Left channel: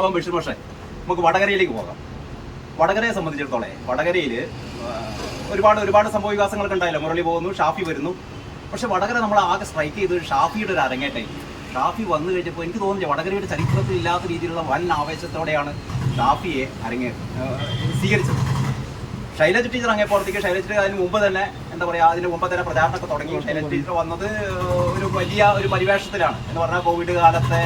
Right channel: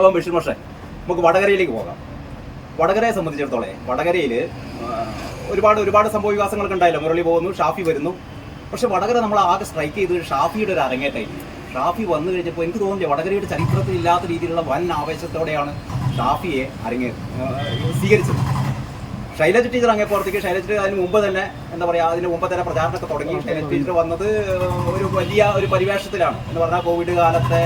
അപ്പം ബഷീർ മാഷേ, നമുക്ക് വടകരയിലേക്ക് പോകാം. വടകരയെ സംബന്ധിച്ചിടത്തോളം വടകരയിൽ ഒരുപാട് സംഭവ വികാസങ്ങളൊക്കെ ഉണ്ടായല്ലോ. മുരളി പോകുന്നു, ഷാഫി വരുന്നു. പക്ഷെ വടകര നമ്മൾ ആകെ സ്ട്രൈക്ക് ചെയ്തത് ഷാഫിയുടെ ഒരു അരങ്ങേറ്റായിരിക്കും. ഷാഫി വന്നു കഴിഞ്ഞപ്പോൾ എനിക്ക് തോന്നുന്നില്ല, വടകരയുടെ ചരിത്രത്തിൽ ഇല്ലാത്ത രീതിയിലുള്ള വൻ ആവേശത്തോടെയാണ് ഷാഫിയെ സ്വീകരിച്ചത്. ശൈലജ ടീച്ചർ അങ്ങേപ്പുറത്തേക്ക്, ശൈലജ ടീച്ചർ അതിന് മുമ്പ് തന്നെ എന്താ പറയുക, അതിന് മുമ്പ് തന്നെ പ്രചാരണമൊക്കെ തുടങ്ങി. ശൈലജ ടീച്ചർ വന്നത് ഒരു വലിയ ഒരു പരിവേഷത്തിലാണ് എന്ന് പറഞ്ഞാൽ കോവിഡ് കാലത്തെ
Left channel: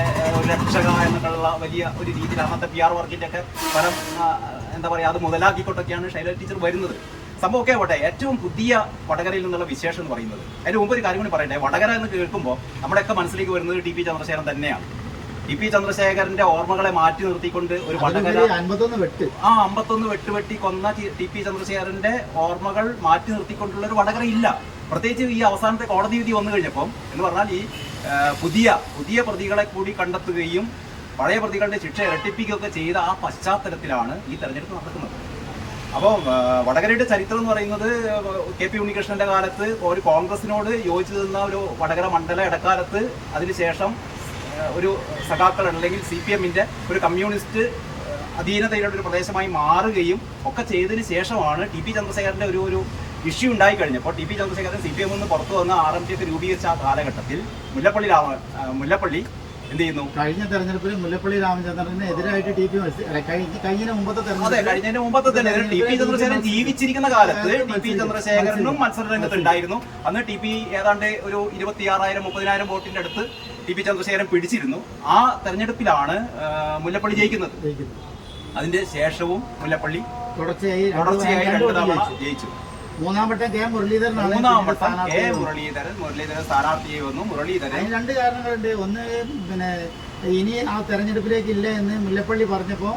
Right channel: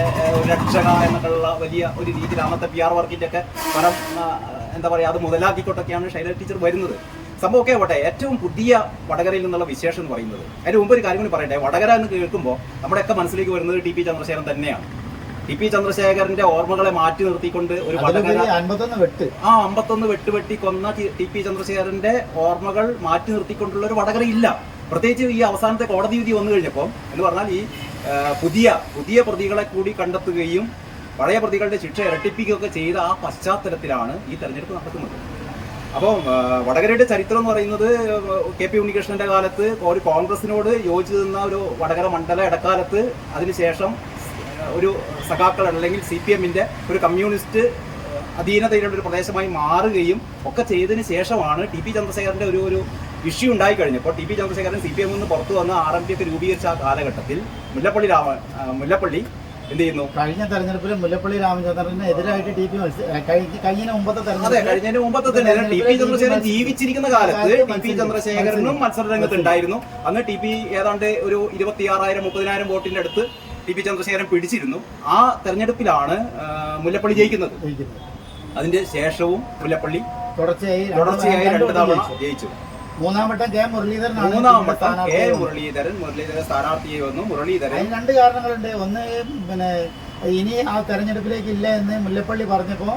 രക്ഷക എന്നുള്ള വലിയ ഒരു രീതിയിൽ അന്നത്തെ PR വർക്കിൻ്റെ ഒക്കെ ഫലം എന്താ പറയുക, അത് മുതലാക്കിക്കൊണ്ടൊക്കെയാണ് ശൈലജ ടീച്ചർ വരുന്നത്. സംഭവമൊക്കെ ആവട്ടെ, ഏറ്റവും പുതിയ വടകരയിൽ നിന്നുള്ള വിശേഷം എന്ന് പറയുന്നത്, അതിന് മുമ്പ് ഒരു കാര്യം കൂടി പറയട്ടെ. വടകര എന്ന് കേൾക്കുമ്പോൾ നമ്മുടെയൊക്കെ മനസ്സിലേക്ക് വരുന്നത് TP ചന്ദ്രശേഖരൻ തന്നെയാണ്. TP ചന്ദ്രശേഖരന്റെ ഓർമ്മകളെ മാറ്റി നിർത്തിക്കൊണ്ട് ഒരു വടകര 51 വെട്ടുവെട്ടി കൊന്ന TP ചന്ദ്രശേഖരന്റെ ഓർമ്മകൾ മാറ്റി നിർത്തിക്കൊണ്ടുള്ള ഒരു വടകര ഇല്ല. പ്രത്യേകിച്ച് ഈ അവസാനത്തെ കോടതി വിധി വന്നു കഴിഞ്ഞപ്പോൾ എന്ന് പറഞ്ഞാൽ ഈ പുതിയ പ്രതികളെ കൂടി കണ്ടെത്തുകയും പഴയ പ്രതികളുടെ ശിക്ഷ ഇരട്ടിപ്പിക്കുകയൊക്കെ ചെയ്ത ആ പശ്ചാത്തലത്തിലാണ് ഈ തെരഞ്ഞെടുപ്പ് നടക്കുന്നത്. അപ്പോൾ വടകരയുടെ ചരിത്രം എന്ന് പറയുന്നത് KP ഉണ്ണികൃഷ്ണന്റെ കാലത്ത് ഒരു കോൺഗ്രസിനോട് യോജിച്ചു നിന്ന ഒരു വടകര മണ്ഡല ഇടക്കാലത്ത്, അതിനുശേഷം ഒരു സഖാക്കൾ അല്ലെങ്കിൽ CPMന്റെ ഒരു കമ്മ്യൂണിസ്റ്റ് അധീനതയിലുള്ള ഒരു പ്രദേശമായി മാറുകയും ഒക്കെ ചെയ്തതിന് ശേഷമാണ് TP ചന്ദ്രശേഖരന്റെ ഒരു ഇഷ്യൂ ഉണ്ടായി കഴിഞ്ഞപ്പോൾ TP ചന്ദ്രശേഖരൻ CPM നിന്ന് പുറത്തു വന്ന് RMP ഒക്കെ രൂപീകരിച്ച ആ കാലഘട്ടത്തിൽ മുല്ലപ്പള്ളി എന്ത് ചെയ്യുന്നു? കഴിഞ്ഞ തെരഞ്ഞെടുപ്പിൽ മുല്ലപ്പള്ളി രാമചന്ദ്രന് എതിരായിട്ട് കഴിഞ്ഞ മുമ്പത്തെ തെരഞ്ഞെടുപ്പ് TP ചന്ദ്രശേഖരൻ ജീവിച്ചിരിക്കുന്ന കാലത്ത് TP ചന്ദ്രശേഖരനും മത്സരരംഗത്ത് ഉണ്ടായിരുന്നു. അന്ന് TP ഏതാണ്ട് ഒരു 26,000-30,000 വോട്ടിന്റെ അടുത്ത് TP ചന്ദ്രശേഖരൻ പിടിച്ചിരുന്നു. ആ തെരഞ്ഞെടുപ്പിലാണ് മുല്ലപ്പള്ളി ജയിക്കുന്നത്. അതിന്റെ ശേഷവും മുല്ലപ്പള്ളി തുടർച്ചയായി 2 തവണ ജയിച്ചു. മൂന്നാം വട്ടം മുരളീധരൻ സ്ഥാനാർത്ഥിയായി വന്നു. മുരളീധരൻ 2 കാരണങ്ങളുണ്ട്. ഒന്ന്, ഇനി ആ തെരഞ്ഞെടുപ്പിലേക്ക് ഇല്ല എന്ന് മുല്ലപ്പള്ളി പറഞ്ഞപ്പോൾ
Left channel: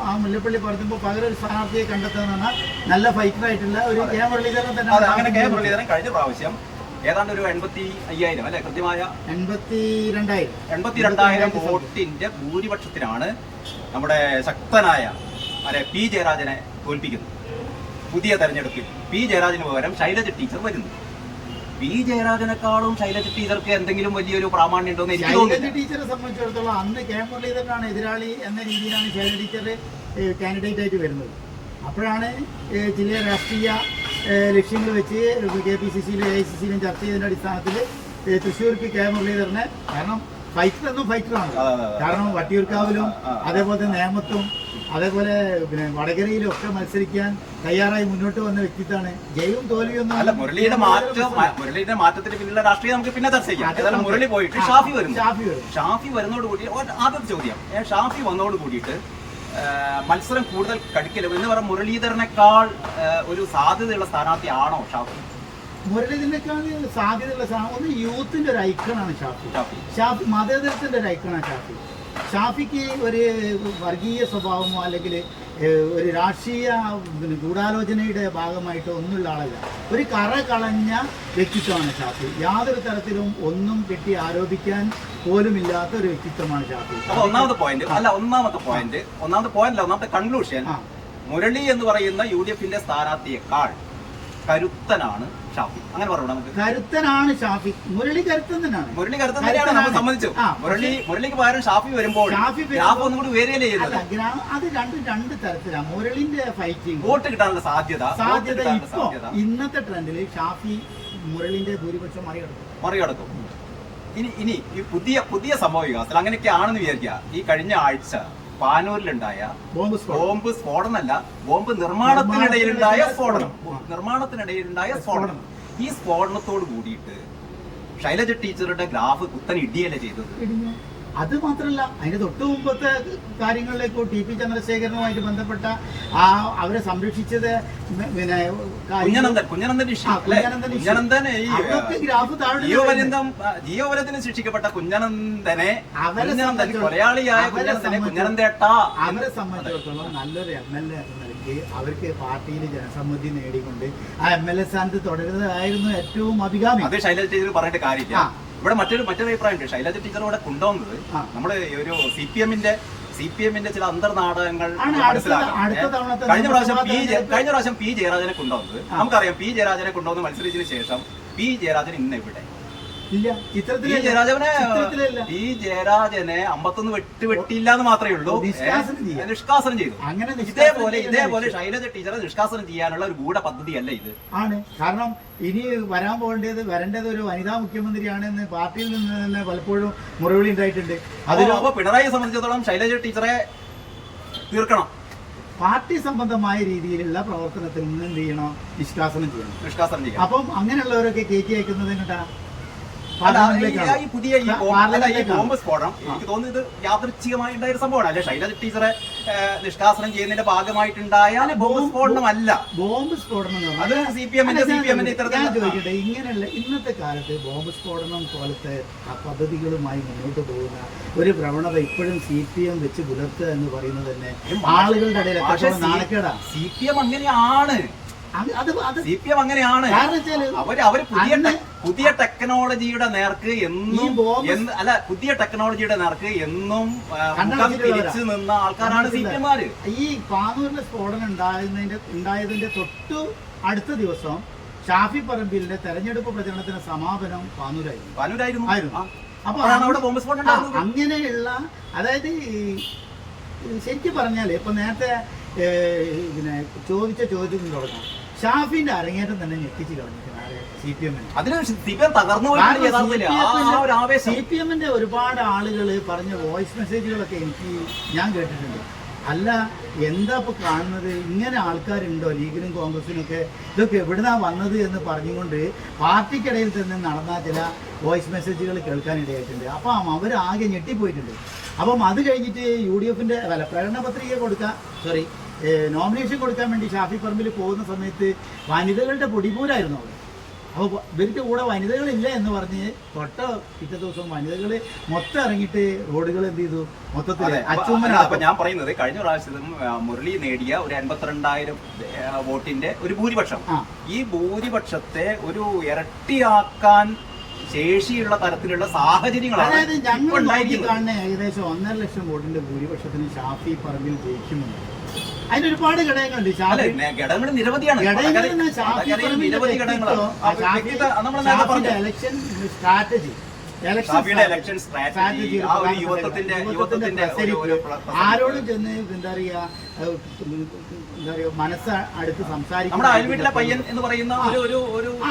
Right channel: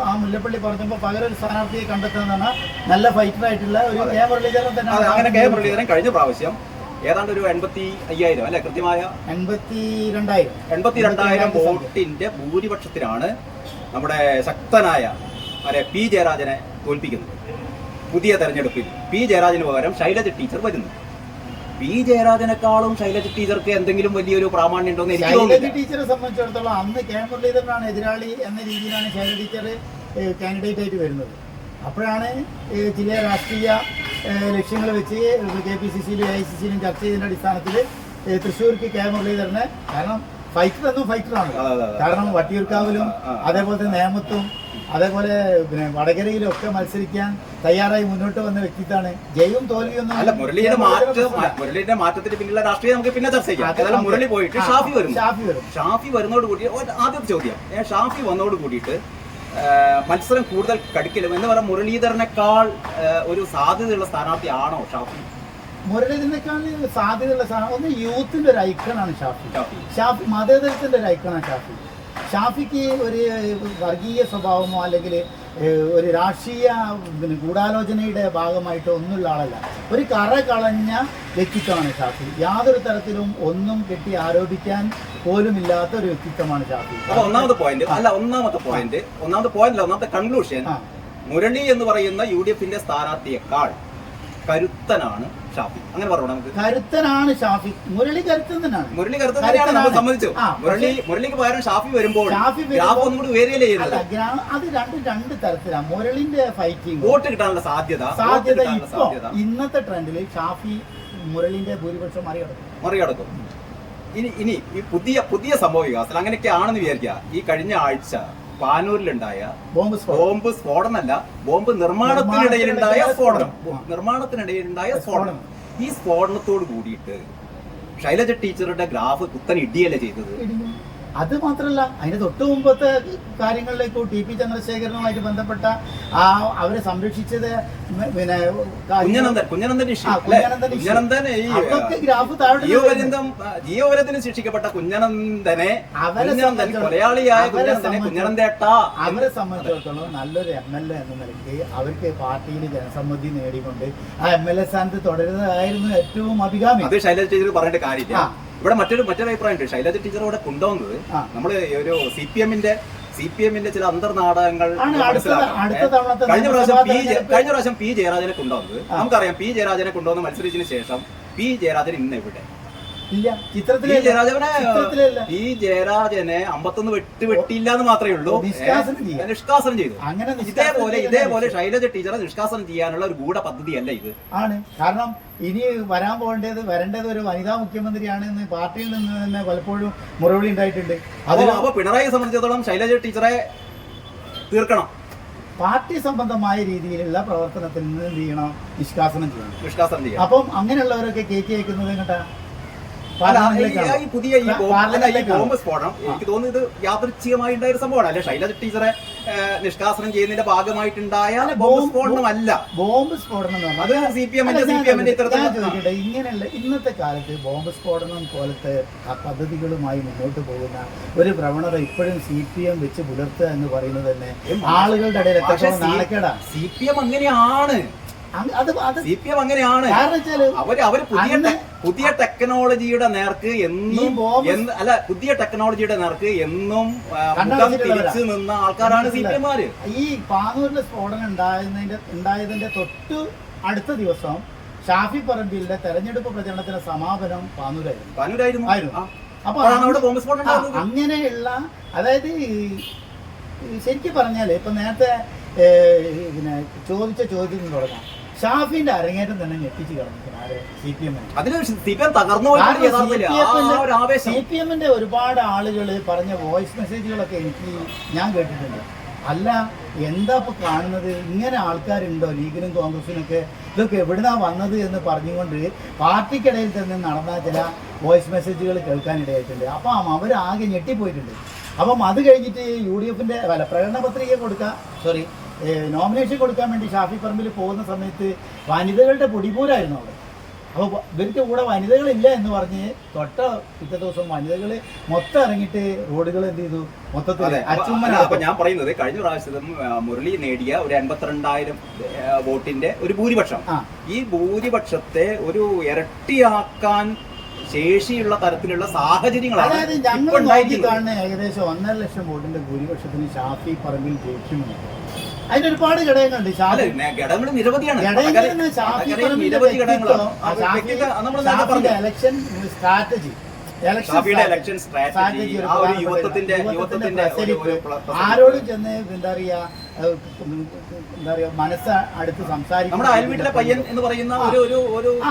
പകരം ഒരു സ്ഥാനാർത്ഥിയെ കണ്ടെത്തുന്നതാണ് നല്ല ഫൈറ്ററായിട്ടുള്ള ഒരു മുരളീധരൻ തന്നെ. അങ്ങനെ മുരളീധരൻ കഴിഞ്ഞ പ്രാവശ്യം ഏതാണ്ട് ഒരു 85,000 അല്ലെ, കൃത്യമായ 82,000 വോട്ടിന്റെ ഭൂരിപക്ഷത്തിനാണ് നമ്മുടെ ശക്തനായ P ജയരാജനെ തോൽപ്പിക്കുന്നത്. പുതിയ തെരഞ്ഞെടുപ്പിൽ P ജയരാജന് പകരം ശൈലജ ടീച്ചർ വരുന്നു. P ജയരാജനെക്കാളും ശൈലജ ടീച്ചർക്ക് എന്തെങ്കിലും വലിയൊരു പ്രാമാണ്യം ഉണ്ടോ എന്ന് എനിക്ക് തോന്നുന്നില്ല. ശൈലജ ടീച്ചറെ സംബന്ധിച്ചിടത്തോളം അന്ന് മുരളീധരനാണ് എതിരാളി എന്ന രീതിയിലാണ് ശൈലജ ടീച്ചർ കാൻഡിഡേറ്റ് ആയിട്ട് വരുന്നത്. അപ്പോഴാണ് ചില രാഷ്ട്രീയ ലക്ഷ്യങ്ങൾ വെച്ച് KPCCയിലും AICCയിലും ചർച്ച ചെയ്തതിന്റെ അടിസ്ഥാനത്തിൽ തൃശ്ശൂർക്ക് മുരളീധരനെ, കാരണം ഫൈറ്ററാണ്. കാരണം വട്ടിയൂർക്കാവിലും അതേപോലെ തന്നെ നേമത്തും അതേപോലെ വടകരയിലും ഒക്കെ മത്സരിക്കാൻ തയ്യാറായി മുന്നോട്ട് വന്ന വ്യക്തിത്വമാണ്. ജയവും തോൽവിയൊന്നും അല്ല. മുരളിയുടെ മാറ്റത്തിന് പിന്നിലുള്ള രാഷ്ട്രീയം നമുക്ക് പിന്നെ ചർച്ച ചെയ്യാം. മുരളി പോയിട്ട് ഷാഫി വരുന്നതോട് കൂടി ആദ്യത്തെ ചോദ്യം, ഷാഫി വന്നതോട് കൂടിയിട്ട് മത്സരം കൂടുതൽ കടുക്കലും എന്ന് പറഞ്ഞാൽ മുരളീധരനേക്കാൾ ഒരു സാധ്യതയുള്ള സ്ഥാനാർത്ഥിയാണോ ഷാഫി? മുരളീധരനേക്കാൾ സാധ്യതയുള്ള ഒന്ന് യൂത്തിന്റെ ഒരു ഐക്കണാണ് ഷാഫി. മതേതരത്തിന്റെ ഒരു ഐക്കണാണ് ഷാഫിക്ക് ഒരു വർഗീയ സ്വഭാവമോ അല്ലെങ്കിൽ ഒരു രാഷ്ട്രീയ ഗൂഢാലോചനയുടെ ഭാഗമായിട്ടോ ഒന്നുമുള്ള ആളല്ല. ഒരു കറ കളഞ്ഞ വ്യക്തിത്വമാണ് ഷാഫി. യാതൊരു തരത്തിലും ഒന്നും കെട്ടി ആരോപിക്കാൻ പോലുമില്ലാത്ത ഒരു വ്യക്തിത്വമാണ് ഷാഫി. ഒന്നാമത്തെ കൺക്ലൂഷൻ, മുരളി എന്ന് പറയുന്ന UDFന്റെ സ്ഥാനാർത്ഥിയെക്കാൾ കരുത്തനാണ് ഷാഫി. അങ്ങനെ പറഞ്ഞു നമുക്ക്. കരുത്തനാണ് ഷാഫി. മുരളി കരുത്തൻ തന്നെയാണ്. സമ്മതിച്ചു. മുരളിക്ക് പകരം ഷാഫി വരുമ്പോൾ അത് രണ്ട് തരത്തിലാണ്. മുരളിന്റെ ഫൈറ്റിംഗ് വോട്ട് കിട്ടാനുള്ള സാധ്യത ഇപ്പോ ഇന്നത്തെ ട്രെൻഡിൽ ഷാഫി മുരളിന്റെ ഭൂരിപക്ഷം മറികടക്കും. ഇനി ഈ പുതിയ സംഭവ വികാസത്തിൽ അങ്ങനെയൊക്കെ ആണെന്ന് വിചാരിക്കുക. ഈ കഴിഞ്ഞ ആഴ്ച പാനൂരിലുണ്ടായ ബോംബ് സ്ഫോടനമല്ല, ബോംബ് നിർമ്മാണത്തിനിടയിലുണ്ടായ സ്ഫോടനം. ഈ സ്ഫോടനത്തോട് കൂടിയിട്ട് ശൈലജ ടീച്ചറുടെ ഗ്രാഫ് കുത്തൻ ഇടിയല്ലേ ചെയ്തത്. അത് മാത്രമല്ല, അതിന് തൊട്ട് മുമ്പത്തെ കാര്യങ്ങളിലേക്ക് TP ചന്ദ്രശേഖരനുമായിട്ട് ബന്ധപ്പെട്ട അവരെ സംരക്ഷിച്ചത് ജീവപര്യന്തം ശിക്ഷിക്കപ്പെട്ട കുഞ്ഞനന്ദനെ അവരെ സംബന്ധിച്ചിടത്തോളം നല്ലൊരു MLA എന്ന നിലയ്ക്ക് അവർക്ക് പാർട്ടിയിൽ ജനസമ്മതി നേടിക്കൊണ്ട് ആ MLA സ്ഥാനത്ത് തുടരുന്നതായിരുന്നു ഏറ്റവും അഭികാമ്യം. അത് ശൈലജ ടീച്ചർ പറയേണ്ട കാര്യമില്ല. ഇവിടെ മറ്റൊരു അഭിപ്രായമുണ്ട്. ശൈലജ ടീച്ചർ ഇവിടെ കൊണ്ടുവന്നത് നമ്മള് ഒരു CPMന്റെ ചില അന്തർനാടകങ്ങൾ. കഴിഞ്ഞ പ്രാവശ്യം P ജയരാജനെ കൊണ്ടുവന്നത് നമുക്കറിയാം. P ജയരാജനെ കൊണ്ടുവന്ന് മത്സരിച്ചതിന് ശേഷം P ജയരാജൻ ഇന്ന് എവിടെ? ഇല്ല, ഈ ജയരാജനെ 51 വെട്ടിയില്ല എന്ന് മാത്രമേ ഉള്ളൂ, നിഷ്കാസനം ചെയ്തു. അങ്ങനെ ഇതേപോലെ ശൈലജ ടീച്ചറെ നിഷ്കാസനം ചെയ്യാനുള്ള ഒരു ഗൂഢ പദ്ധതിയല്ല ഇത് ആണ്. കാരണം ഇനി വരേണ്ടത് ഒരു വനിതാ മുഖ്യമന്ത്രിയാണെന്ന് പാർട്ടിയിൽ നിന്ന് തന്നെ പലപ്പോഴും മുറവിളി ഉണ്ടായിട്ടുണ്ട്. അപ്പൊ പിണറായിയെ സംബന്ധിച്ചിടത്തോളം ശൈലജ ടീച്ചറെ തീർക്കണം. പാർട്ടി സംബന്ധമായ രീതിയിലുള്ള പ്രവർത്തനത്തിൽ നിന്ന് എന്ത് ചെയ്യണം? നിഷ്കാസനം ചെയ്യണം. അപ്പം അങ്ങനെയുള്ളവരൊക്കെ കയറ്റി അയക്കുന്നത് എങ്ങട്ടാ? ഈ പുതിയ ഈ ബോംബ് സ്ഫോടനം എനിക്ക് തോന്നുന്നു ഇത് യാദൃച്ഛികമായി ഉണ്ടായ ഒരു സംഭവമാണ്. അല്ലെ ശൈലജ ടീച്ചറെ നിഷ്കാസനം ചെയ്യുന്നതിന്റെ ഭാഗമായിട്ടുണ്ടായ ബോംബ് സ്ഫോടനമല്ല. ബോംബ് സ്ഫോടനം അത് സിപിഎമ്മിന്റെ ചോദിക്കട്ടെ, ഇങ്ങനെയുള്ള ഇന്നത്തെ കാലത്ത് ബോംബ് സ്ഫോടനം പോലത്തെ പദ്ധതികളുമായി മുന്നോട്ട് പോകുന്ന ഒരു പ്രവണത ഇപ്പോഴും CPM വെച്ച് പുലർത്തുക എന്ന് പറയുന്നത് തന്നെ ആളുകളുടെ ഇടയിൽ എത്രത്തോളം നാണക്കേടാണ്. CPM അങ്ങനെയാണ്. CPM അങ്ങനെയാണ്. അവര് പുതിയ ടെക്നോളജിയുടെ നേർക്ക് എന്നും തിരിച്ചു നിന്ന ആൾക്കാരാണ് CPM-മാര്. ഈ പാനൂരിലെ സ്ഫോടനം ഉണ്ടായതിന്റെ തൊട്ടു അടുത്ത ദിവസം ഷാഫി പറമ്പിലിന്റെ തെരഞ്ഞെടുപ്പ് പ്രചരണത്തിന്റെ സമാപനം പാനൂരായിരുന്നു. അപ്പൊ അങ്ങനെയുള്ള, അതായത് ശരിക്കും പറഞ്ഞാല് ഇപ്പൊ നേരത്തെ പിന്നെ ചോദിച്ച ചോദ്യത്തിൽ തുടങ്ങാം. ഷാഫിന്റെ അരങ്ങേറ്റം തന്നെ ഞെട്ടിച്ച് കളഞ്ഞിരിക്കണം CPM-ന്റെ ഒരുപാട് ആളുകൾ പറഞ്ഞ വോയിസ് മെസ്സേജുകളൊക്കെ ഞാൻ കേട്ടിട്ടുണ്ട്. അല്ല, എന്താ ഇപ്പൊ കാണുന്നത്? ഇങ്ങനെ ആൾക്കാരുണ്ടോ ലീഗിനും കോൺഗ്രസിനും ഒക്കെ? ഇതൊക്കെ എവിടുന്നാ വന്നത് എന്ന് പറഞ്ഞുകൊണ്ട് പാർട്ടിക്കിടയിൽ തന്നെ നടന്ന ചില വോയിസ് മെസ്സേജുകൾ കേൾക്കാനിടയായിട്ടുണ്ട്. അപ്പം അവരാകെ ഞെട്ടിപ്പോയിട്ടുണ്ട്. അപ്പം അത് കഴിഞ്ഞിട്ട് UDF-ന്റെ പ്രകടന പത്രിക നോമിനേഷൻ കൊടുക്കാൻ വേണ്ടി ഷാഫി പറമ്പിൽ പോകുന്ന സമയത്ത് വനിതകളുടെ പൊടിപൂരായിരുന്നു അവിടെ. അപ്പോൾ ഇവർക്ക് കൂടെ വനിതകളില്ല എന്ന് പറഞ്ഞ് തൊട്ട പിറ്റേ ദിവസം വനിതകൾ മൊത്തം ഇറങ്ങിയിട്ട് റോഡുകൾ എന്ത് ചെയ്തു? മൊത്തത്തിൽ അപ്പൊ ഞാൻ പറയുന്നത് കഴിഞ്ഞ പ്രാവശ്യം മുരളി നേടിയ ഒരു 52,000 വോട്ടിന്റെ ഒരു ഭൂരിപക്ഷം, ഈ ഭൂരിപക്ഷത്തെ ഒരു ഇരട്ടിയാക്കാൻ ശേഷിയുള്ള തരത്തിലുള്ള സാഹചര്യങ്ങളാണ്. അതായത് ഞങ്ങൾ കാണുന്ന ഏകദേശം 1.5 ലക്ഷം വോട്ടിന്റെ ഭൂരിപക്ഷത്തിന് ഷാഫി പറമ്പിൽ ജയിക്കുമെന്ന്. അതിന് ഒരുപാട് ഘടകങ്ങളുണ്ട്. ഘടകങ്ങൾ നിരവധിയാണ്. ഇലക്ഷൻ സ്ട്രാറ്റജി, ആരോടും ചെന്ന് എന്താ പറയാ മനസ്സ് അടുത്ത് സംസാരിക്കും.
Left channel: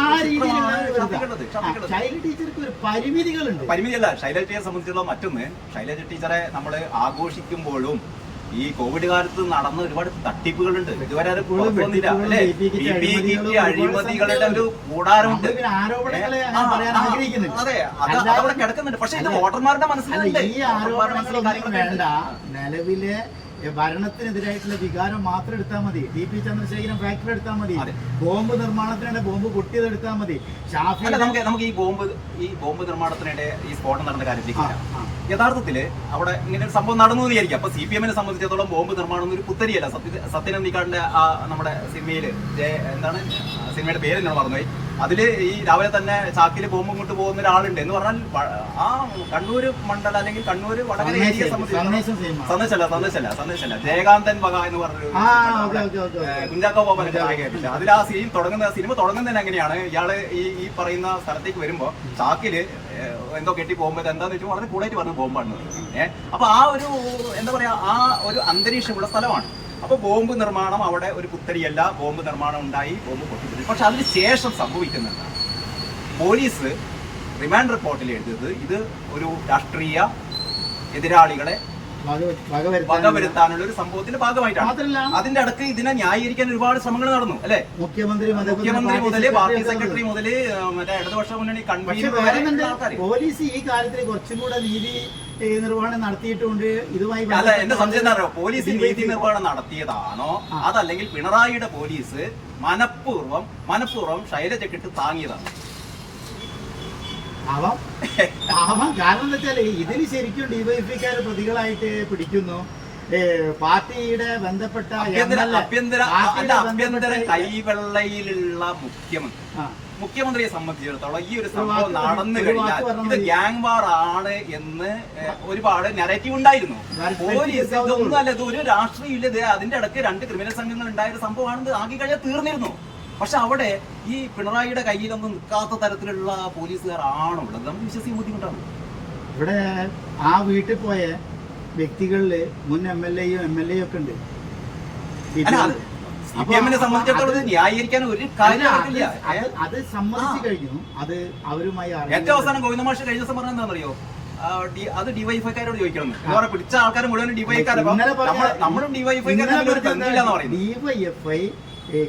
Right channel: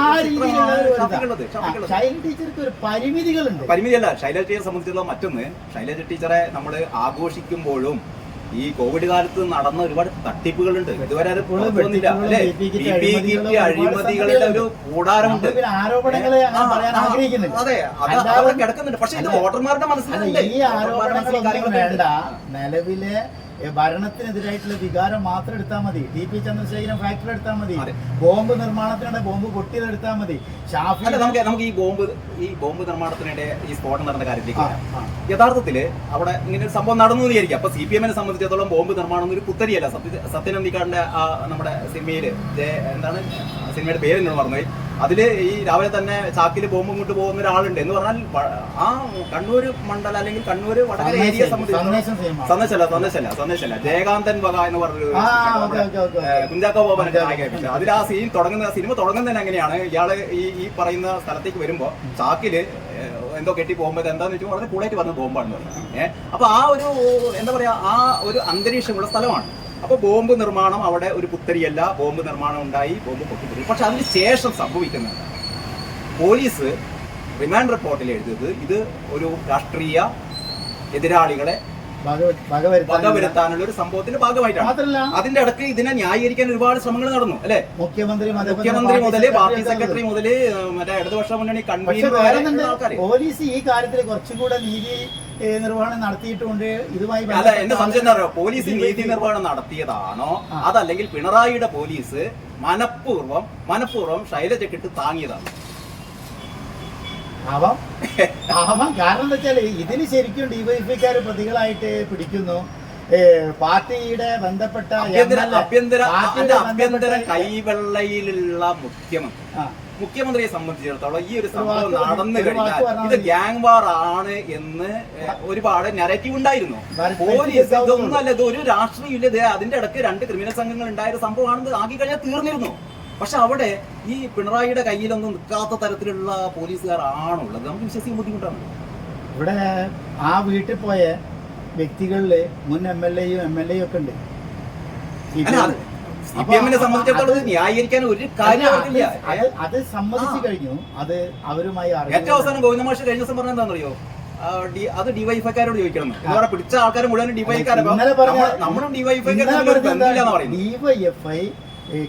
ആ രീതിയിലുള്ള ശൈലജ ടീച്ചർക്ക് ഒരു പരിമിതികളുണ്ട്. പരിമിതിയല്ല ശൈലജ ടീച്ചറെ സംബന്ധിച്ചിടത്തോളം. മറ്റൊന്ന്, ശൈലജ ടീച്ചറെ നമ്മൾ ആഘോഷിക്കുമ്പോഴും ഈ കോവിഡ് കാലത്ത് നടന്ന ഒരുപാട് തട്ടിപ്പുകളുണ്ട്. ഇതുവരെ അത് അഴിമതികളുടെ ഒരു കൂടാരമുണ്ട്. അതെ, അത് അവിടെ കിടക്കുന്നുണ്ട്. പക്ഷെ ഇത് വോട്ടർമാരുടെ മനസ്സിലുണ്ട്. ഈ ആരോപണങ്ങളൊന്നും വേണ്ട. നിലവിലെ ഭരണത്തിനെതിരായിട്ടുള്ള വികാരം മാത്രം എടുത്താൽ മതി. TP ചന്ദ്രശേഖരൻ ഫാക്ടറി എടുത്താൽ മതി. ബോംബ് നിർമ്മാണത്തിനിടെ ബോംബ് പൊട്ടിയത് എടുത്താൽ മതി. ഷാഫി നമുക്ക് ഈ ബോംബ് നിർമ്മാണത്തിനിടെ ഈ സ്ഫോടനം നടന്ന കാര്യത്തിലേക്ക് യഥാർത്ഥത്തില് അവിടെ ഇങ്ങനെ ഒരു സംഭവം നടന്നു എന്ന് വിചാരിക്കും. അപ്പൊ CPM-നെ സംബന്ധിച്ചിടത്തോളം ബോംബ് നിർമ്മാണം ഒരു പുത്തരിയല്ല. സത്യനന്ദിക്കാടിന്റെ നമ്മുടെ സിനിമയില് എന്താണ് സിനിമയുടെ പേര് എന്നോട് മറന്നുപോയി. അതില് ഈ രാവിലെ തന്നെ ചാക്കില് ബോംബും കൊണ്ട് പോകുന്ന ഒരാളുണ്ട് എന്ന് പറഞ്ഞാൽ ആ കണ്ണൂർ മണ്ഡലം അല്ലെങ്കിൽ കണ്ണൂർ വടകര ഏരിയയെ സംബന്ധിച്ച് സന്ദേശമല്ല ജയകാന്തൻ വക എന്ന് പറഞ്ഞൊരു കുഞ്ചാക്കോ ബോബൻ അതിൽ ആ സിനിമ തുടങ്ങുന്നതിന് എങ്ങനെയാണ് ഇയാള് ഈ പറയുന്ന സ്ഥലത്തേക്ക് വരുമ്പോ ചാക്കില് എന്തോ കെട്ടി പോകുമ്പോ എന്താന്ന് വെച്ചാൽ വളരെ കൂടായിട്ട് പറഞ്ഞ ബോംബാണ്. അപ്പൊ ആ ഒരു എന്താ പറയാ ആ ഒരു അന്തരീക്ഷമുള്ള സ്ഥലമാണ്. അപ്പൊ ബോംബ് നിർമ്മാണം അവിടെ ഒരു പുത്തരിയല്ല. ബോംബ് നിർമ്മാണം ഉണ്ടായി, ബോംബ് പൊട്ടിപ്പോയി. പക്ഷെ അതിന് ശേഷം സംഭവിക്കുന്നുണ്ട്, പോലീസ് റിമാൻഡ് റിപ്പോർട്ടിൽ എഴുതിയത് ഇത് ഒരു രാഷ്ട്രീയ എതിരാളികളെ വകവരുത്താനുള്ള ഒരു സംഭവത്തിന്റെ ഭാഗമായിട്ടാണ്. അതിന്റെ ഇടയ്ക്ക് ഇതിനെ ന്യായീകരിക്കാൻ ഒരുപാട് ശ്രമങ്ങൾ നടന്നു. അല്ലെ, മുഖ്യമന്ത്രി മുതല് പാർട്ടി സെക്രട്ടറി മുതല് മറ്റേ ഇടതുപക്ഷ മുന്നണി കൺവീനർ. പോലീസ് ഈ കാര്യത്തിൽ കുറച്ചും കൂടെ നീതി നിർവഹണം നടത്തിയിട്ടുണ്ട്. ഇതുമായി എന്റെ സംശയം എന്താ പറയുക, പോലീസ് നീതി നിർവഹണം നടത്തിയതാണോ അതല്ലെങ്കിൽ പിണറായിയുടെ പോലീസ് മനഃപൂർവ്വം ശൈലജക്കിട്ട് താങ്ങിയതാണ്? കാരണം എന്താ വെച്ചാല് ഇതിന് ശരിക്കും ഡിവൈഎഫ്ഐക്കാര് പ്രതികളായിട്ട് പിടിക്കുന്നു. പാർട്ടിയുടെ ബന്ധപ്പെട്ട ആഭ്യന്തര കൈവെള്ളയിലുള്ള മുഖ്യമന്ത്രിയെ സംബന്ധിച്ചിടത്തോളം ഈ ഒരു സംഭവം നടന്നു കഴിഞ്ഞാൽ ഇത് ഗ്യാങ് വാർ ആണ് എന്ന് ഒരുപാട് നെറേറ്റീവ് ഉണ്ടായിരുന്നു. പോലീസ് ഇതൊന്നും അല്ല, ഇത് ഒരു രാഷ്ട്രീയം ഇല്ല, അതിന്റെ ഇടയ്ക്ക് 2 ക്രിമിനൽ സംഘങ്ങൾ ഉണ്ടായ സംഭവമാണ്. ആക്കി കഴിഞ്ഞാൽ തീർന്നിരുന്നു. പക്ഷെ അവിടെ ഈ പിണറായിയുടെ കയ്യിലൊന്നും നിൽക്കാത്ത തരത്തിലുള്ള പോലീസുകാരാണുള്ളത്. നമുക്ക് വിശ്വസിക്കാൻ ബുദ്ധിമുട്ടാണ്. ഇവിടെ ആ വീട്ടിൽ പോയ വ്യക്തികളില് മുൻ MLA-യും MLA-യും ഒക്കെ ഉണ്ട്. CPM-നെ സംബന്ധിച്ചിടത്തോളം ന്യായീകരിക്കാൻ ഒരു കാര്യമില്ല. അത് സമ്മതിച്ചു കഴിഞ്ഞു. അത് അവരുമായി ഏറ്റവും അവസാനം ഗോവിന്ദ മാഷ് കഴിഞ്ഞ ദിവസം പറഞ്ഞത് എന്താണെന്നറിയോ? അത് ഡിവൈഎഫ്ഐക്കാരോട് ചോദിക്കണം. എന്താ പിടിച്ച ആൾക്കാർ മുഴുവൻ ഡിവൈഎഫ്ഐക്കാരും നമ്മളും ഡിവൈഎഫ്ഐക്കാരും ഡിവൈഎഫ്ഐ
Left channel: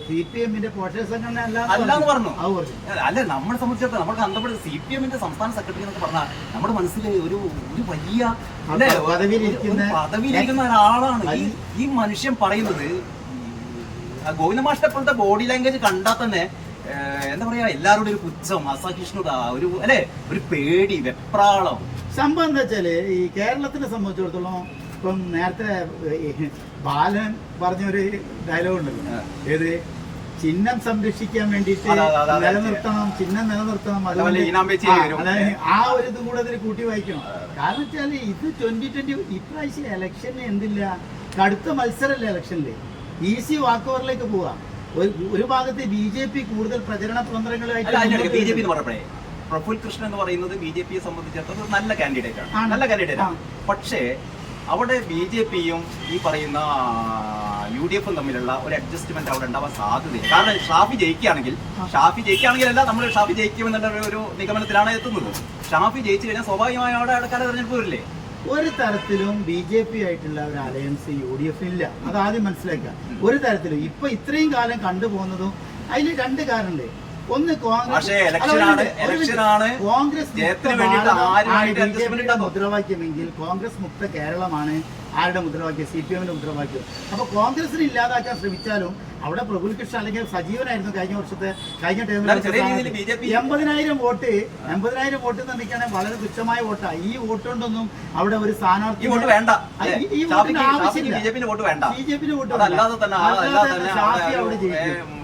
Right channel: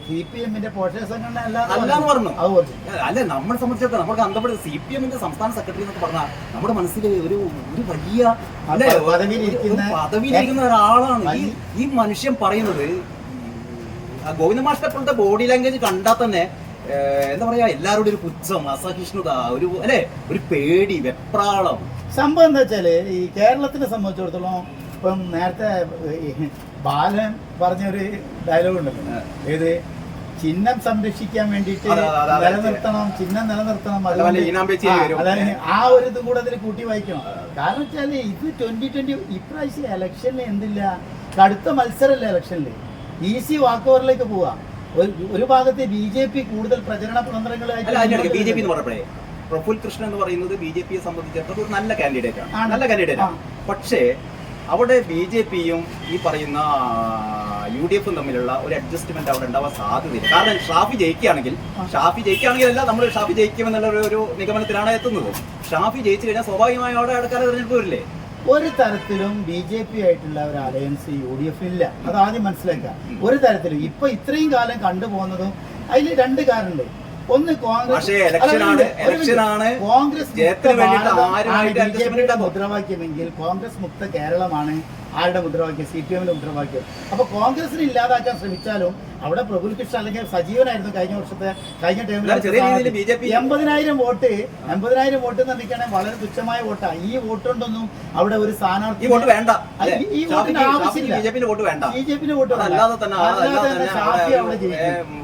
CPM-ന്റെ പോഷക സംഘടന അല്ലാന്ന് പറഞ്ഞു. അല്ലെ, നമ്മളെ സംബന്ധിച്ചിടത്തോളം നമുക്ക് അന്തപ്പെട്ട CPM-ന്റെ സംസ്ഥാന സെക്രട്ടറി എന്നൊക്കെ പറഞ്ഞാൽ നമ്മുടെ മനസ്സിൽ ഒരു വലിയ പദവിയിലിരിക്കുന്ന ഒരാളാണ് ഈ മനുഷ്യൻ പറയുന്നത്. ഗോവിന്ദ മാഷിന്റെ അപ്പോഴത്തെ ബോഡി ലാംഗ്വേജ് കണ്ടാൽ തന്നെ എന്താ പറയാ, എല്ലാവരോടും ഒരു പുച്ഛം, അസഹിഷ്ണുത, ഒരു പേടി, വെപ്രാളം. സംഭവം എന്താ വെച്ചാല് ഈ കേരളത്തിനെ സംബന്ധിച്ചിടത്തോളം ഇപ്പം നേരത്തെ ബാലൻ പറഞ്ഞൊരു ഡയലോഗ് ഉണ്ടല്ലോ, ഏത് ചിഹ്നം സംരക്ഷിക്കാൻ വേണ്ടിയിട്ട് നിലനിർത്തണം, ചിഹ്നം നിലനിർത്തണം. അതായത് ആ ഒരു ഇതും കൂടെ അതിൽ കൂട്ടി വായിക്കണം. കാരണം വെച്ചാല് ഇത് 2020 ഇപ്രാവശ്യം ഇലക്ഷനിൽ എന്തില്ല, കടുത്ത മത്സരമല്ലേ ഇലക്ഷനില്, ഈസി വാക്കോവറിലേക്ക് പോവാ. ഒരു ഭാഗത്ത് BJP കൂടുതൽ പ്രചരണ തന്ത്രങ്ങളായിട്ട് BJP എന്ന് പറഞ്ഞപ്പോഴേ പ്രഫുൽ കൃഷ്ണൻ എന്ന് പറയുന്നത് BJP-യെ സംബന്ധിച്ചിടത്തോളം ഒരു നല്ല കാൻഡിഡേറ്റ് ആണ്. പക്ഷേ അവിടെ BJP-യും ഈ പറയുന്ന UDF-ഉം തമ്മിലുള്ള ഒരു അഡ്ജസ്റ്റ്മെന്റ് അവിടെ ഉണ്ടാവാൻ സാധ്യതയില്ല. കാരണം ഷാഫി ജയിക്കുകയാണെങ്കിലല്ല, നമ്മൾ ഷാഫി ജയിക്കുമെന്നുള്ള ഒരു നിഗമനത്തിലാണ് എത്തുന്നത്. ഷാഫി ജയിച്ചു കഴിഞ്ഞാൽ സ്വാഭാവികമായി അവിടെ അടുക്കാല തെരഞ്ഞെടുപ്പ് വരില്ലേ? ഒരു തരത്തിലും BJP ആയിട്ടുള്ള ഒരു അലയൻസ് UDF ഇല്ല. അത് ആദ്യം മനസ്സിലാക്കുക. ഒരു തരത്തിലും ഇപ്പൊ ഇത്രയും കാലം കണ്ടുപോകുന്നതും അതിൽ രണ്ട് കാരണമുണ്ട്. ഒന്ന് കോൺഗ്രസ് മുദ്രാവാക്യമെങ്കിൽ കോൺഗ്രസ് മുക്ത കേരളമാണ് ആരുടെ മുദ്രാവാക്യം, CPM-ന്റെ മുദ്രാവാക്യം. അപ്പൊ കോൺഗ്രസിനെ ഇല്ലാതാക്കാൻ ശ്രമിച്ചാലും അവിടെ പ്രഫുൽ കൃഷ്ണൻ അല്ലെങ്കിൽ സജീവനായിരുന്നു കഴിഞ്ഞ ടൈമിൽ 80,000 വോട്ട് നിർമ്മിക്കുകയാണെങ്കിൽ വളരെ തുച്ഛമായ വോട്ടാണ്. ഈ വോട്ട് കൊണ്ടൊന്നും അവിടെ ഒരു സ്ഥാനാർത്ഥി ഈ വോട്ടിന്റെ ആവശ്യമില്ല. BJP-ന്റെ വോട്ട് വേണ്ട. ഷാഫി അവിടെ ജയിക്കും.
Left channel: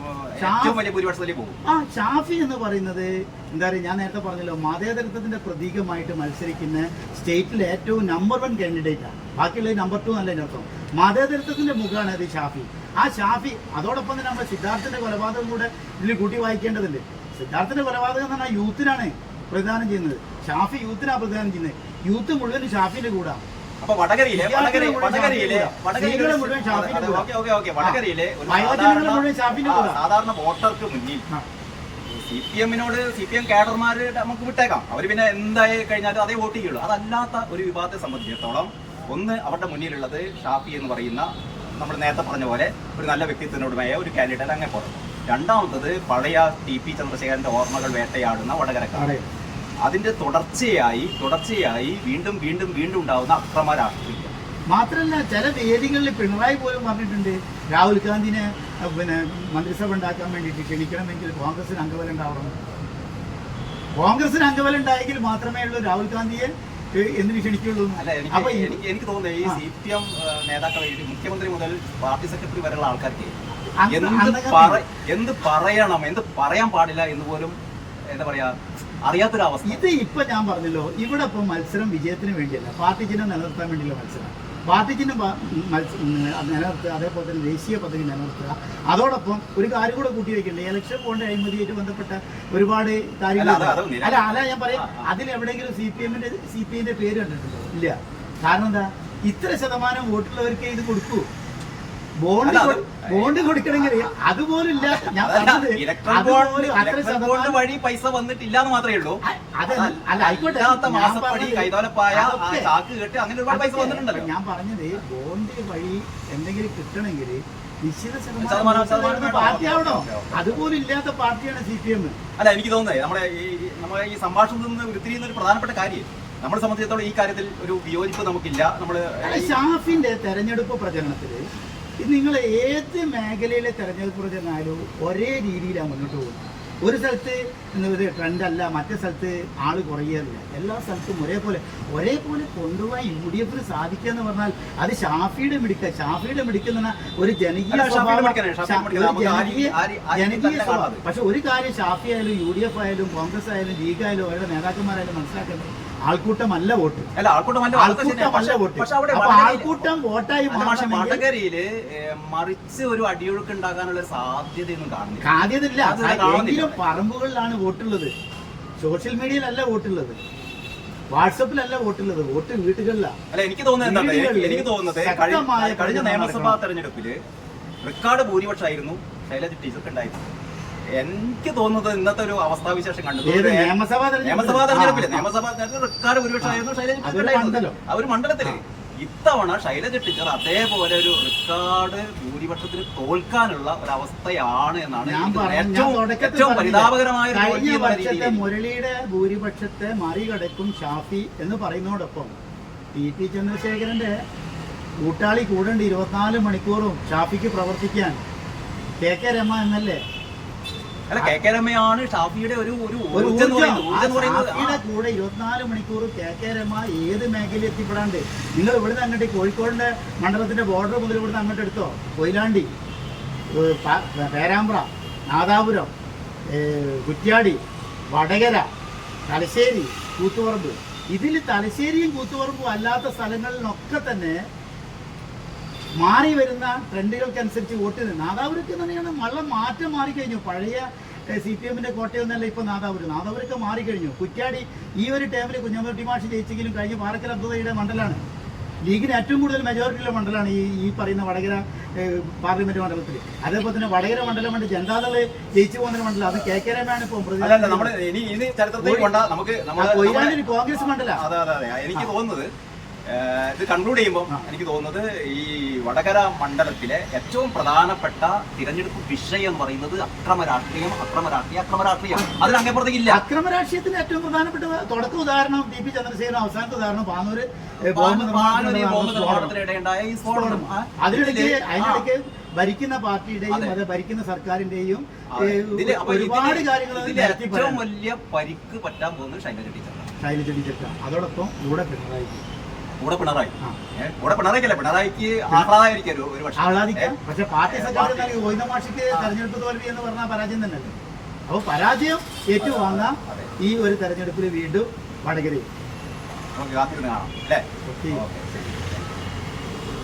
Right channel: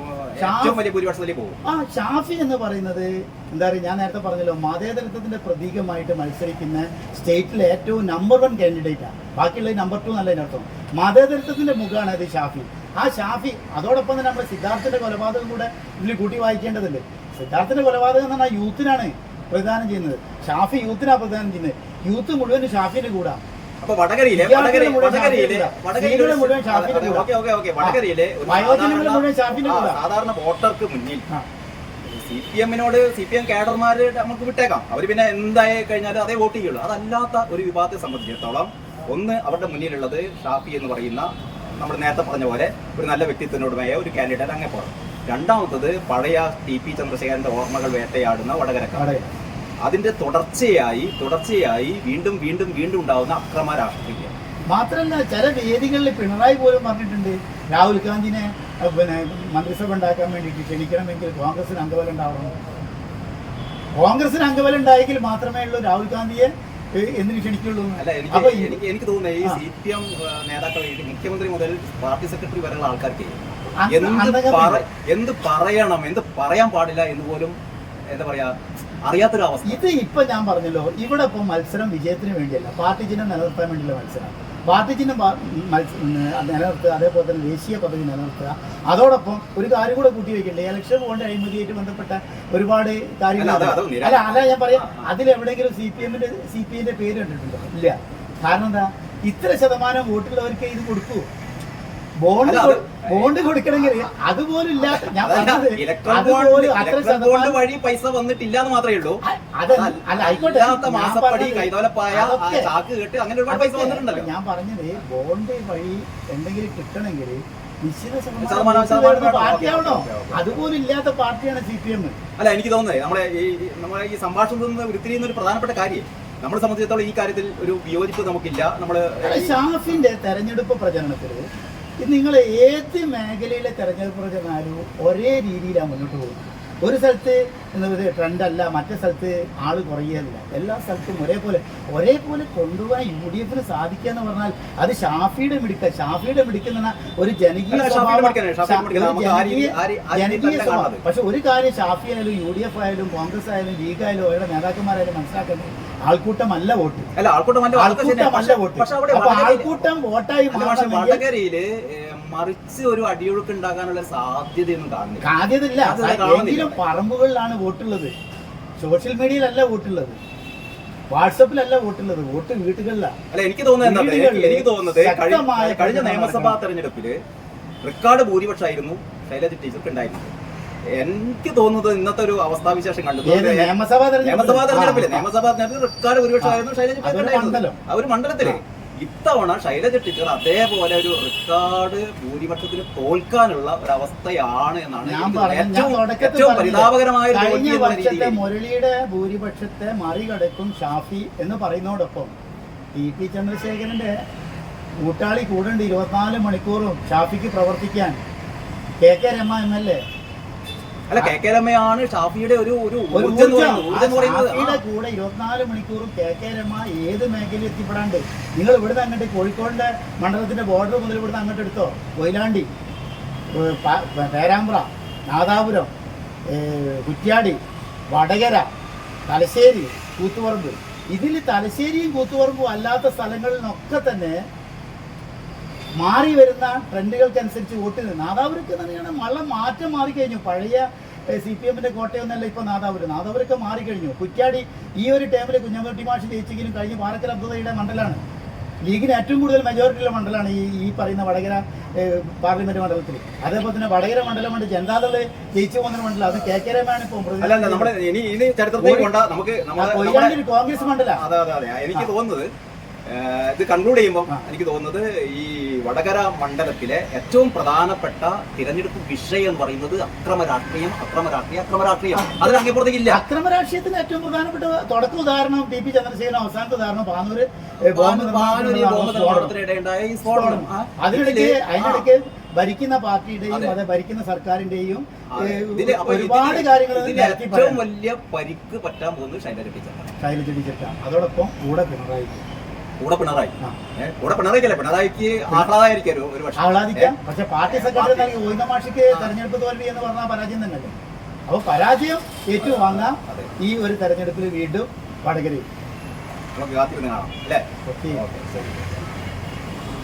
ഷാഫി എന്ന് പറയുന്നത് എന്താ പറയുക, ഞാൻ നേരത്തെ പറഞ്ഞല്ലോ, മതേതരത്വത്തിന്റെ പ്രതീകമായിട്ട് മത്സരിക്കുന്ന സ്റ്റേറ്റിലെ ഏറ്റവും നമ്പർ 1 കാൻഡിഡേറ്റ് ആണ്. ബാക്കിയുള്ള നമ്പർ 2 എന്നല്ല അതിനർത്ഥം. മതേതരത്വത്തിന്റെ മുഖമാണ് അത് ഷാഫി. ആ ഷാഫി അതോടൊപ്പം തന്നെ നമ്മുടെ സിദ്ധാർത്ഥന്റെ കൊലപാതകം കൂടെ ഇതിൽ കൂട്ടി വായിക്കേണ്ടതുണ്ട്. സിദ്ധാർത്ഥന്റെ കൊലപാതകം എന്ന് പറഞ്ഞാൽ യൂത്തിനാണ് പ്രദാനം ചെയ്യുന്നത്. ഷാഫി യൂത്തിനാണ് പ്രദാനം ചെയ്യുന്നത്. യൂത്ത് മുഴുവൻ ഷാഫിന്റെ കൂടെ. അപ്പൊ വടകരയിലെ സാധാരണ വോട്ടർക്ക് മുന്നിൽ CPM കാഡർമാര് നമുക്ക് വിട്ടേക്കാം. അവര് പിന്നെ എന്തായി കഴിഞ്ഞാലും അതേ വോട്ട് ചെയ്യുള്ളൂ. അതല്ലാത്ത ഒരു വിഭാഗത്തെ സംബന്ധിച്ചിടത്തോളം ഒന്ന് അവരുടെ മുന്നിലുള്ളത് ഷാഫി എന്ന് പറയുന്ന നമ്മൾ നേരത്തെ പറഞ്ഞ പോലെ ഒരു നല്ല വ്യക്തിത്വത്തിനോടുമായ ഒരു കാൻഡിഡേറ്റ് അങ്ങനെ പോകണം. രണ്ടാമത്തത് പഴയ TP ചന്ദ്രശേഖരന്റെ ഓർമ്മകൾ വേട്ടയാടുന്ന വടകരക്കാർ. അതിന്റെ തുടർച്ചയായി വീണ്ടും വീണ്ടും വീണ്ടും ഉണ്ടാവുന്ന അക്രമ രാഷ്ട്രീയം. മാത്രമല്ല ചില വേദികളിൽ പിണറായി പോലും പറഞ്ഞിട്ടുണ്ട്, രാഹുൽ ഗാന്ധിനെ മന്ത്രിസഭ ഉണ്ടാക്കാൻ വേണ്ടിയിട്ട് ക്ഷണിക്കണമെങ്കിൽ കോൺഗ്രസിന് അംഗബലം ഉണ്ടാവണം. കോൺഗ്രസിന് അംഗബലം ഉണ്ടായെങ്കിൽ മാത്രമേ ഉള്ളൂ രാഹുൽ ഗാന്ധിയെ എന്തിനു ക്ഷണിക്കുള്ളൂ. അപ്പൊ എനിക്ക് തോന്നുന്നത് ഈ CPM നേതാക്കൾ, മുഖ്യമന്ത്രി മുതൽ പാർട്ടി സെക്രട്ടറി വരെയുള്ള ആൾക്കാർക്ക് എന്ത് പറയണം, എന്ത് പറയാൻ പാടില്ല എന്ന് പോലും എന്താ പറയാ അറിയാത്തൊരവസ്ഥ. ഇത് ഇപ്പൊ ഞാൻ പറഞ്ഞല്ലോ, ഇവിടെ ഇപ്പൊ മത്സരം വിജയത്തിന് വേണ്ടിയല്ല, പാർട്ടി ചിഹ്നം നിലനിർത്താൻ വേണ്ടിയുള്ള മത്സരം. പാർട്ടി ചിഹ്നം നിലനിർത്തുക, അതേപോലെ തന്നെ ദേശീയ പദവി നിലനിർത്തുക. അതോടൊപ്പം ഒരു കാര്യം കൂടെ കൂട്ടി വയ്ക്കണ്ടേ, ഇലക്ഷൻ ബോണ്ട് അഴിമതിയായിട്ട് ബന്ധപ്പെട്ട ഒരുപാട് കാര്യങ്ങളുണ്ട്. അല്ല ഞാൻ പറയാം, അതിലെവിടെയെങ്കിലും CPM-ന്റെ പേര് കണ്ടിട്ടുണ്ടോ? ഇല്ല. കാരണം എന്താ, ഇത്ര ശതമാനം വോട്ടുള്ളവർക്ക് ഇത് കൊടുക്കൂ. ബോണ്ട് കൊടുക്കണമെങ്കിൽ അതുപോലും ഇല്ലാത്ത, ഞാൻ പറഞ്ഞത് അതുപോലും അത്ര ശതമാനം വഴി പൈസ വന്നിട്ടില്ല എന്ന് മാത്രമേ ഉള്ളൂ. അല്ല ആയിക്കോട്ടെ, ഞാൻ പറഞ്ഞത് ബോണ്ട് വഴി എന്തെങ്കിലും കിട്ടണമെങ്കിൽ നിശ്ചിത ശതമാനം പാർട്ടിയാവണോ? അതുപോലും ഇല്ലാത്ത പാർട്ടിയാണ് CPM. അല്ല, എനിക്ക് തോന്നുന്നത് നമ്മളെ ഈ സംഭാഷണത്തിൽ നിന്ന് ഉരുത്തിരിയുന്ന ഒരു പ്രധാനപ്പെട്ട കാര്യം, നമ്മളെ സംബന്ധിച്ചിടത്തോളം ഈ കാര്യത്തിൽ ഒരു വിയോജിപ്പ് നമുക്കില്ല. ഷാഫിന്റെ തെരഞ്ഞെടുപ്പ് പ്രചരണത്തില് നിങ്ങൾ ഏത് മേഖലയിലെ തെരഞ്ഞെടുപ്പ് പ്രചരണമായാലും ഒരേ രീതിയിലാണ് മുന്നോട്ട് പോകുന്നത്. ഒരു സ്ഥലത്ത് ട്രെൻഡ് അല്ല, മറ്റേ സ്ഥലത്ത് ആള് കുറയുകയല്ല. എല്ലാ സ്ഥലത്തും ഒരേപോലെ കൊണ്ടുപോകാൻ UDF-ന് സാധിക്കുക എന്ന് പറഞ്ഞാൽ അത് ഷാഫിയുടെ മിടുക്കുന്ന ഒരു ജനകീയ സ്വഭാവം. പക്ഷെ ഒരു കാര്യം ഷാഫി ആയാലും UDF ആയാലും കോൺഗ്രസ് ആയാലും ലീഗ് ആയാലും അവരുടെ നേതാക്കന്മാരായാലും മനസ്സിലാക്കുന്നത്, ആൾക്കൂട്ടമല്ല വോട്ട്. അല്ല ആൾക്കൂട്ടമല്ല വോട്ട്. പക്ഷെ അവിടെ അപ്പൊ ആൾക്കൂട്ടം വോട്ടായി പക്ഷെ വടകരയില് മറിച്ച് ഒരു അടിയൊഴുക്ക് ഉണ്ടാകാനുള്ള സാധ്യതയൊന്നും കാണുന്നില്ല. സാധ്യതയില്ല. എങ്കിലും പറമ്പുകളിലാണ് വോട്ടുള്ളത്, സോഷ്യൽ മീഡിയയിലല്ല വോട്ടുള്ളത്, വാട്സപ്പിലല്ല വോട്ടുള്ളത്, വോട്ട് വീട്ടുകളിലാണ്. അല്ല എനിക്ക് തോന്നുന്നത് കഴിഞ്ഞ നിയമസഭാ തെരഞ്ഞെടുപ്പില് റെക്കോർഡ് ഭൂരിപക്ഷമായിരുന്നു ശൈലജ ടീച്ചർക്ക് ഉണ്ടായിരുന്നു. എനിക്ക് തോന്നുന്നത് ഇന്നത്തെ ഒരു അവസ്ഥാവിശേഷം കണ്ടു നിയമസഭാ തെരഞ്ഞെടുപ്പില് റെക്കോർഡ് ഭൂരിപക്ഷമായിരുന്നു ശൈലജ ടീച്ചർ ആ ഒരു മണ്ഡലത്തില്. ഇത്തവണ ശൈലജ ടീച്ചർ അതേപോലെ ഒരു റെക്കോർഡ് ഭൂരിപക്ഷത്തിന് തോൽക്കാനുള്ള ഒരു അവസ്ഥയാണ് എന്നാണ് ഏറ്റവും പരിതാപകരമായ. കഴിഞ്ഞ വർഷത്തെ മുരളിയുടെ ഭൂരിപക്ഷത്തെ മറികടക്കും ഷാഫി എന്ന് പറയുന്നതോടൊപ്പം ടി ചന്ദ്രശേഖരന്റെ കൂട്ടാളി കൂടേണ്ട 24 മണിക്കൂറും ഷാഫിക്ക് പ്രവർത്തിക്കാൻ കെ രമ MLA. അല്ല കെ രമയാണ് ഷാഫിയുടെ ഒരു ഷാഫിയുടെ കൂടെ 24 മണിക്കൂർ കെ രമ ഏത് മേഖലയിൽ എത്തിപ്പെടാണ്ട്. നിങ്ങൾ ഇവിടുന്ന് അങ്ങോട്ട് കോഴിക്കോടിന്റെ മണ്ഡലത്തിന്റെ ബോർഡർ മുതൽ ഇവിടുന്ന് അങ്ങോട്ട് എടുത്തോ, കൊയിലാണ്ടി, പേരാമ്പ്ര, നാദാപുരം, കുറ്റ്യാടി, വടകര, തലശ്ശേരി, കൂത്തുപറമ്പ്. ഇതിൽ തലശ്ശേരിയും കൂത്തുപറമ്പും അല്ലാത്ത സ്ഥലങ്ങളിലൊക്കെ തന്നെ മാറി വരുന്ന ട്രെൻഡുകൾക്കനുസരിച്ച് വോട്ട് ചെയ്ത് നാദാപുരക്ക് തന്നെയാണ് മാറ്റം മാറിക്കഴിഞ്ഞു. പഴയ CPM-ന്റെ കോട്ടയൊന്നല്ല ഇപ്പൊ നാദാപുരൊക്കെ മാറിക്കഴിഞ്ഞു. കുറ്റ്യാടി ഈ ഒരു ടൈമിൽ കുഞ്ഞമ്മട്ടി മാഷി ജയിച്ചെങ്കിലും കഴിഞ്ഞ പാറക്കൽ അബ്ദുള്ളയുടെ മണ്ഡലമാണ്, ലീഗിന് ഏറ്റവും കൂടുതൽ മെജോറിറ്റിയുള്ള മണ്ഡലമാണ് ഈ പറയുന്ന വടകര പാർലമെന്റ് മണ്ഡലത്തിൽ. അതേപോലെ തന്നെ വടകര മണ്ഡലം കൊണ്ട് ജനതാദള് ജയിച്ചു പോകുന്ന മണ്ഡലം, അത് കെ രമയാണ് ഇപ്പൊ. കൊയിലാണ്ടി കോൺഗ്രസ് മണ്ഡലം. എനിക്ക് തോന്നുന്നത് ഇത് കൺക്ലൂഡ് ചെയ്യുമ്പോൾ എനിക്ക് തോന്നുന്നത് ഈ വടകര മണ്ഡലത്തിലെ ഏറ്റവും പ്രധാനപ്പെട്ട തിരഞ്ഞെടുപ്പ് വിഷയം എന്ന് പറയുന്നത് അക്രമ രാഷ്ട്രീയം. അതിൽ അങ്ങേപ്പുറത്തേക്കില്ല. അക്രമ രാഷ്ട്രീയത്തിന് ഏറ്റവും പ്രധാനപ്പെട്ട തുടക്ക ഉദാഹരണം TP ചന്ദ്രശേഖരൻ, അവസാനത്തെ ഉദാഹരണം പാനൂര് സ്ഫോടനം. അതിനിടയ്ക്ക് ഭരിക്കുന്ന പാർട്ടിയുടെയും അത് ഭരിക്കുന്ന സർക്കാരിന്റെയും ഒരുപാട് കാര്യങ്ങൾ ഏറ്റവും വലിയ പരിക്ക് പറ്റാൻ പോകുന്നത് ശൈലജ ടീച്ചർക്കാണ്. അതോടൊപ്പം കൂടെ പിണറായിക്ക് ആഹ്ലാദിക്കാം. പക്ഷെ പാർട്ടി സെക്രട്ടറി ഗോവിന്ദ മാഷിക്ക് തെരഞ്ഞെടുപ്പ് തോൽവി എന്ന് പറഞ്ഞാൽ പരാജയം തന്നെയല്ലേ. അപ്പൊ പരാജയം ഏറ്റുവാങ്ങാം ഈ ഒരു തെരഞ്ഞെടുപ്പിൽ വീണ്ടും വടകരയിൽ. നമുക്ക് കാത്തിരുന്ന് കാണാം അല്ലേ.